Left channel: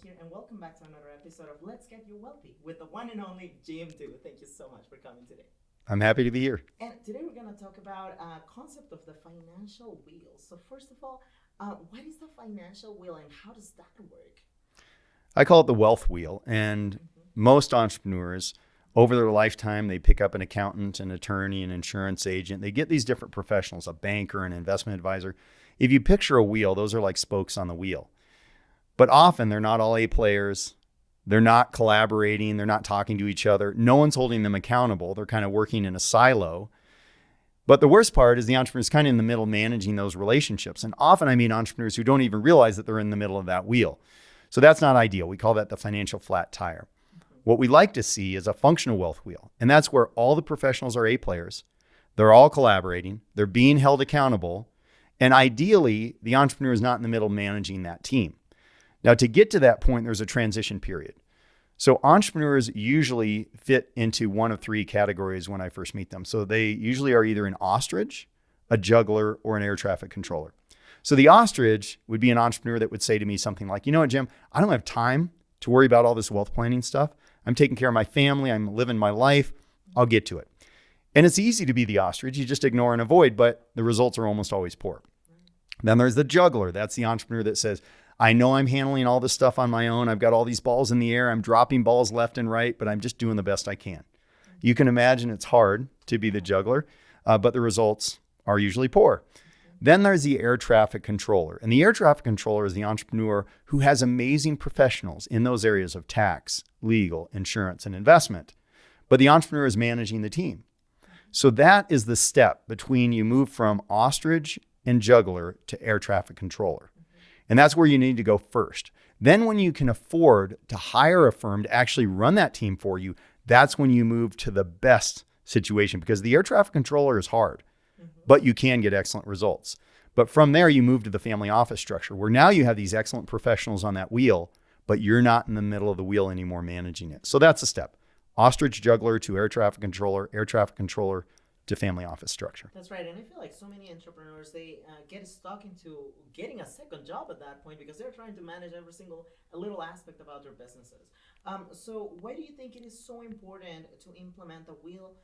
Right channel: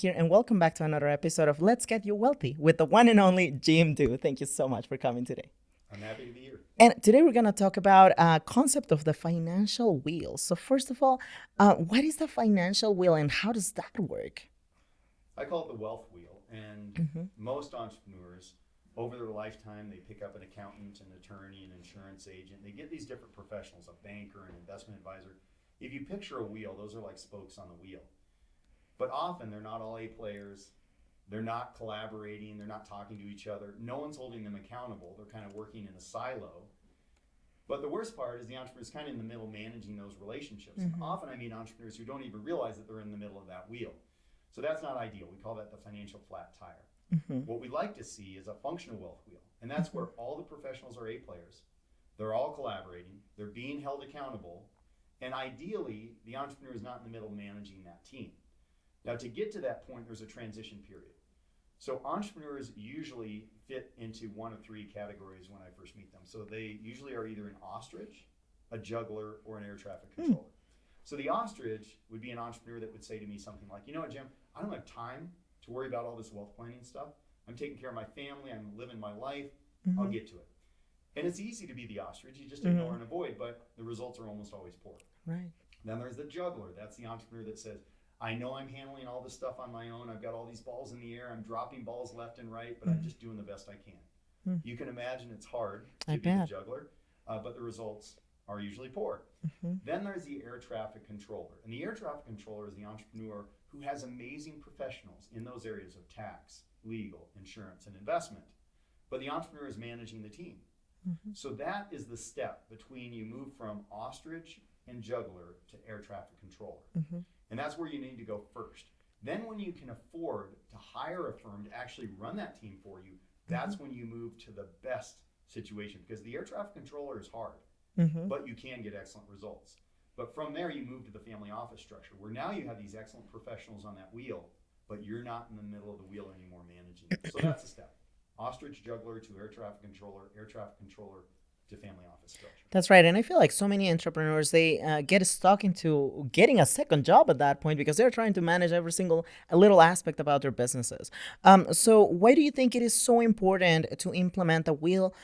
here, and welcome back to another episode of Let's Get You Wealthy with the one and only Jim Do. Thank you so much for coming today. I'm happy to be here. And today we're going to talk about a concept of the financial wheel. So first of all, what is the financial wheel and how does that work? I call it the wealth wheel. And most entrepreneurs, over their lifetime, they pick up an accountant, an attorney, an insurance agent. They get these different professionals, a banker, an investment advisor. If you picture a wheel, those are like spokes on the wheel. But often they're not all A players. They're not collaborating. They're not talking to each other. No one's holding them accountable. They're kind of working in a silo. But the worst part is the entrepreneur's kind of in the middle managing those relationships. And often I meet entrepreneurs who don't even realize that they're in the middle of that wheel. So that's not ideal. We call that the financial flat tire. What we like to see is a functional wealth wheel. And that's where all the professionals are A players. They're all collaborating. They're being held accountable. And ideally, the entrepreneur is not in the middle managing that team. Now, to get to that point, there's a transition period. So entrepreneurs usually fit into one of three categories when I first meet them. So they usually are either an ostrich, a juggler, or an air traffic controller. So the ostrich would be an entrepreneur that would say to me something like, you know what, Jim, I don't have time to worry about all this wealth planning stuff. I'm taking care of my family. I'm living my life. I'll get to it. And it's easy to be the ostrich. You just ignore and avoid, but the results are almost always poor. Right. Then there's the juggler. That's the entrepreneur that says, I know I'm handling all this stuff on my own. I've got all these balls in the air. I'm dropping balls left and right, but I'm just doing the best I can. You can imagine it's hard to be the juggler, but the results are usually poor. Then there's the air traffic controller. And the air traffic controller is the entrepreneur who has amazing professionals in those areas of tax, legal, insurance, and investment. But the entrepreneur is managing the team. So that is the step between you move from ostrich and juggler to air traffic controller. And that's where you need to go first. Then when you can afford to hire a firm to actually run that team for you, that's when you move to the best situation, because the air traffic controller is hard, but you can get excellent results. But from there, you move to the family office structure, where now you have these excellent professionals on that wheel, but you're not in the middle of the wheel anymore managing it. So that's a step. Ostrich juggler to air traffic controller to family office structure. That's right. And I feel like so many entrepreneurs, they get stuck into getting a second job at that point because they're trying to manage every single little aspect about their businesses. So why do you think it is so important to implement a wheel,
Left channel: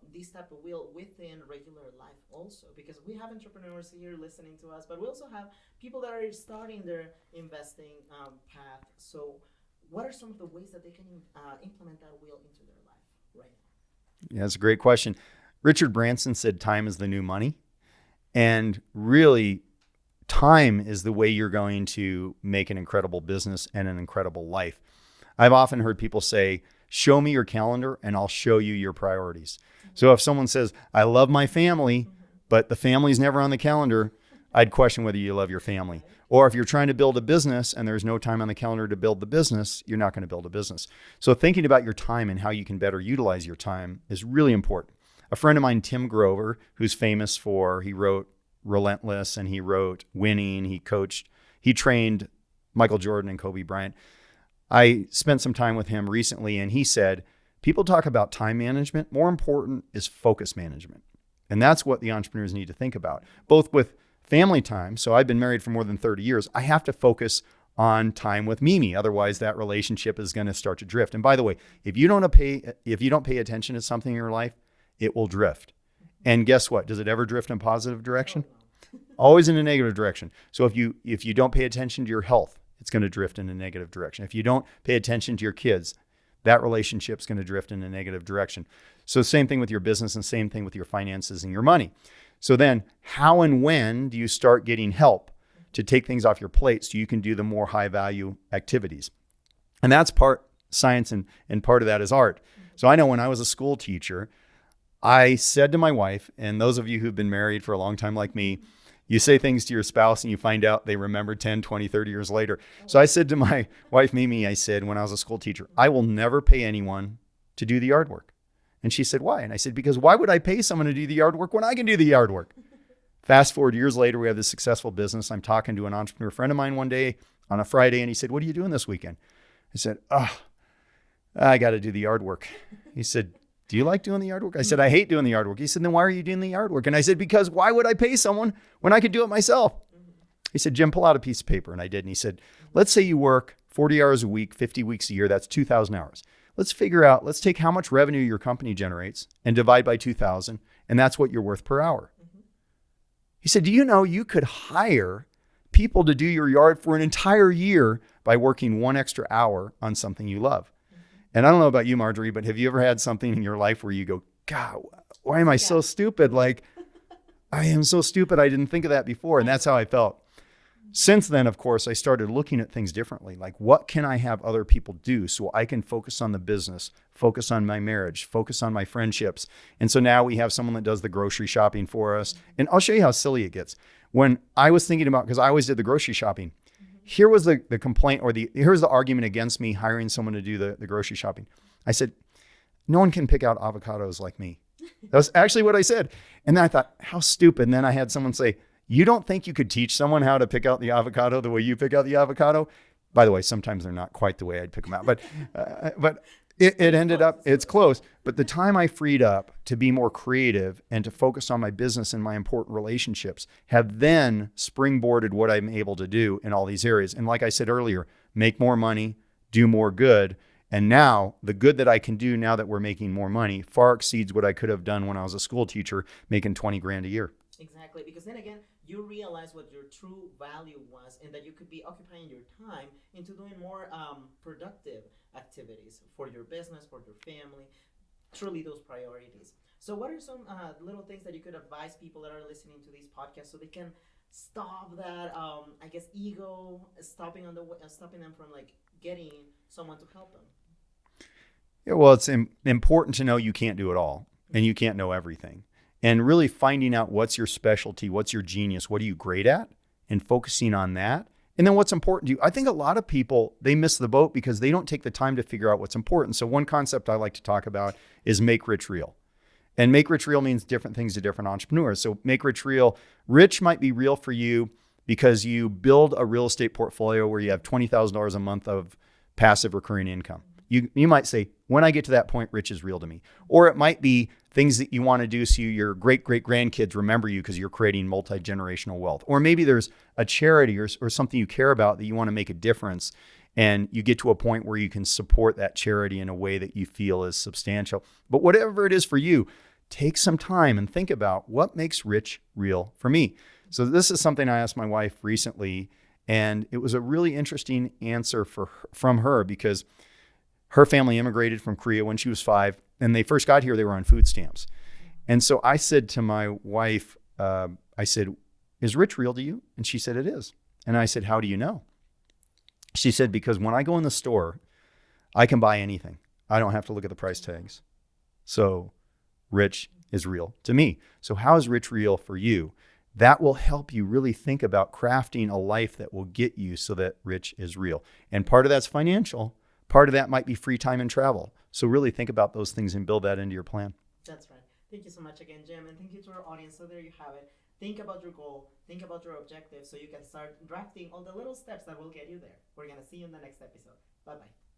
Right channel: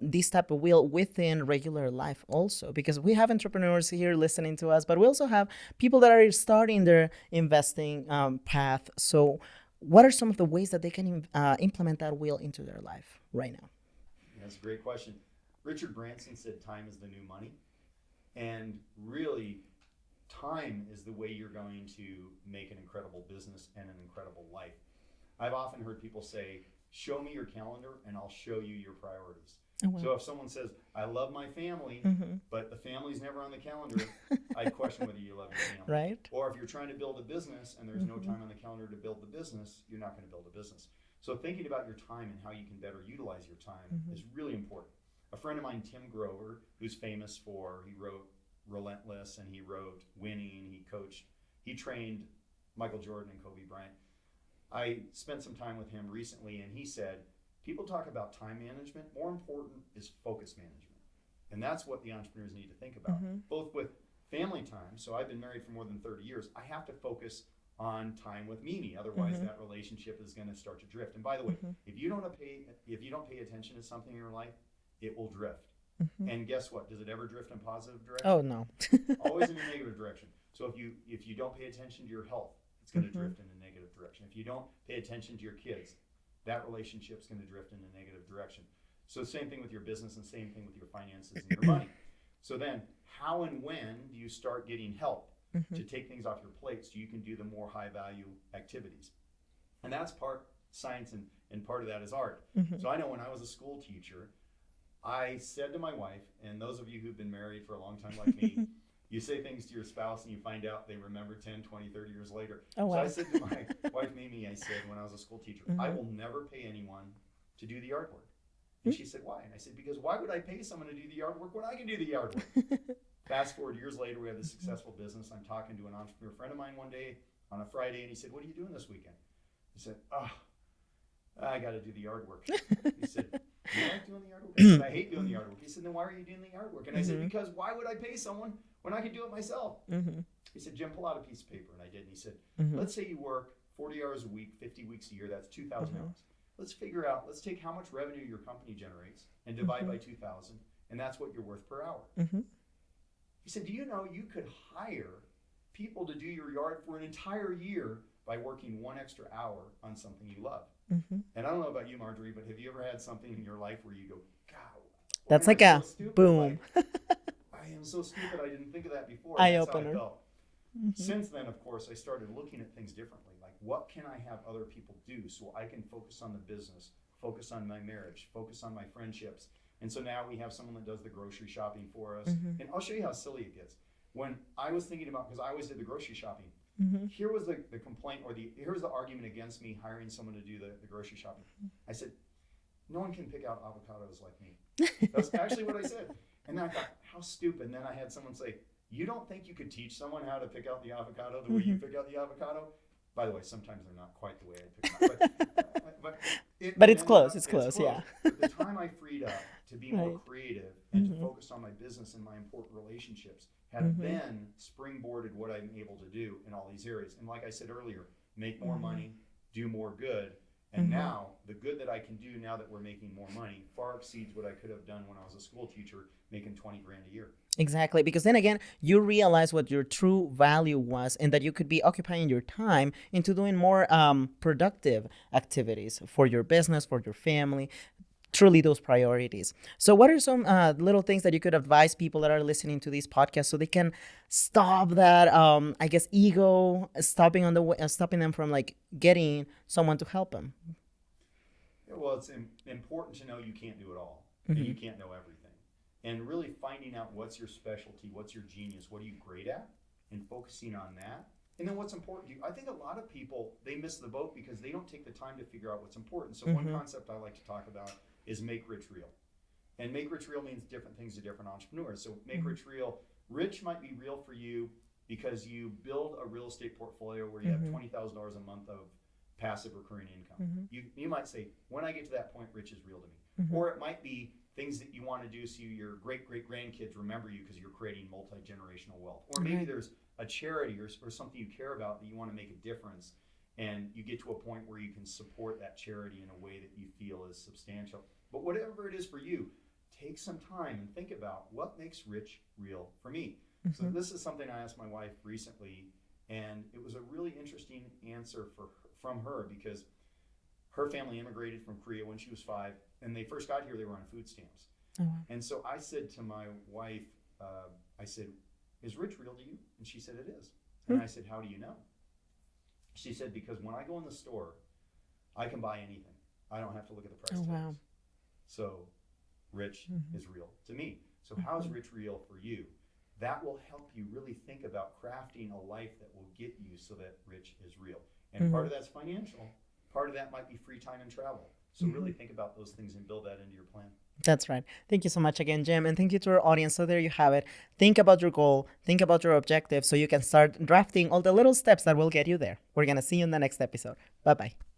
this type of wheel within regular life also? Because we have entrepreneurs here listening to us, but we also have people that are starting their investing path. So what are some of the ways that they can implement that wheel into their life right now? Yeah, that's a great question. Richard Branson said time is the new money. And really, time is the way you're going to make an incredible business and an incredible life. I've often heard people say, show me your calendar and I'll show you your priorities. So if someone says, I love my family, but the family's never on the calendar, I'd question whether you love your family. Right. Or if you're trying to build a business and there's no time on the calendar to build the business, you're not going to build a business. So thinking about your time and how you can better utilize your time is really important. A friend of mine, Tim Grover, who's famous for, he wrote Relentless and he wrote Winning, he coached, he trained Michael Jordan and Kobe Bryant. I spent some time with him recently and he said, people talk about time management. More important is focus management. And that's what the entrepreneurs need to think about, both with family time. So I've been married for more than 30 years. I have to focus on time with Mimi. Otherwise that relationship is going to start to drift. And by the way, if you don't pay attention to something in your life, it will drift. And guess what? Does it ever drift in a positive direction? Oh, no. Always in a negative direction. So if you don't pay attention to your health, it's going to drift in a negative direction. If you don't pay attention to your kids, that relationship's going to drift in a negative direction. So same thing with your business and same thing with your finances and your money. So then how and when do you start getting help to take things off your plate so you can do the more high value activities? And that's part science and part of that is art. So I know when I was a school teacher, I said to my wife, and those of you who've been married for a long time like me, you say things to your spouse and you find out they remember 10, 20, 30 years later. So I said to my wife, Mimi, I said, when I was a school teacher, I will never pay anyone to do the yard work. And she said, why? And I said, because why would I pay someone to do the yard work when I can do the yard work? Fast forward years later, we have this successful business. I'm talking to an entrepreneur friend of mine one day on a Friday, and he said, what are you doing this weekend? I said, I got to do the yard work. He said, do you like doing the yard work? I said, I hate doing the yard work. He said, then why are you doing the yard work? And I said, because why would I pay someone when I could do it myself? He said, Jim, pull out a piece of paper. And I did. And he said, let's say you work 40 hours a week, 50 weeks a year, that's 2,000 hours. Let's take how much revenue your company generates and divide by 2,000, and that's what you're worth per hour. Mm-hmm. He said, do you know you could hire people to do your yard for an entire year by working 1 extra hour on something you love? Mm-hmm. And I don't know about you, Marjorie, but have you ever had something in your life where you go, God, why That's am I like so a stupid? boom. Like, I am so stupid. I didn't think of that before. And that's how I Eye-opener. felt. Since then, of course, I started looking at things differently. Like, what can I have other people do so I can focus on the business, focus on my marriage, focus on my friendships? And so now we have someone that does the grocery shopping for us. Mm-hmm. And I'll show you how silly it gets. When I was thinking about, because I always did the grocery shopping, Mm-hmm. here was the complaint, or here's the argument against me hiring someone to do the grocery shopping. I said, no one can pick out avocados like me. That's actually what I said. And then I thought, how stupid. And then I had someone say, you don't think you could teach someone how to pick out the avocado the way you pick out the avocado? By the way, sometimes they're not quite the way I'd pick them out, but it But ended up, it's close. yeah. But the time I freed up to be more Right. creative and to Mhm. focus on my business and my important relationships have Mhm. then springboarded what I'm able to do in all these areas. And like I said earlier, make more money, do more good. And Mhm. now the good that I can do now that we're making more money far exceeds what I could have done when I was a school teacher making 20 grand a year. Exactly, because then again, you realize what your true value was, and that you could be occupying your time into doing more productive activities for your business, for your family, truly those priorities. So, what are some little things that you could advise people that are listening to these podcasts so they can stop that, I guess, ego stopping on the way, stopping them from like getting someone to help them? Yeah, well, it's important to know you can't do it all and you Mhm. can't know everything. And really finding out what's your specialty, what's your genius, what are you great at, and focusing on that. And then what's important to you. I think a lot of people, they miss the boat because they don't take the time to figure out what's important. So one Mhm. concept I like to talk about is make rich real. And make rich real means different things to different entrepreneurs. So make rich real. Rich might be real for you because you build a real estate portfolio where you have Mhm. $20,000 a month of passive recurring income. Mhm. You might say, when I get to that point, rich is real to me. Mhm. Or it might be things that you want to do so your great great grandkids remember you because you're creating multi-generational wealth. Or maybe there's a charity or something you care about that you want to make a difference, and you get to a point where you can support that charity in a way that you feel is substantial. But whatever it is for you, take some time and think about what makes rich real for me. So this is something I asked my wife recently, and it was a really interesting answer from her because her family immigrated from Korea when she was 5, and they first got here, they were on food stamps. Mhm. And so I said to my wife, I said, is rich real to you? And she said, it is. And I said, how do you know? She said, because when I go in the store, I can buy anything. I don't have to look at the price Oh, wow. tags. So rich Mhm. is real to me. So how is rich real for you? That will help you really think about crafting a life that will get you so that rich is real. And part of that's financial. Part of that might be free time and travel. So really think about those things and build that into your plan. That's right. Thank you so much again, Jim. And thank you to our audience. So there you have it. Think about your goal, think about your objective so you can start drafting all the little steps that will get you there. We're going to see you in the next episode. Bye bye.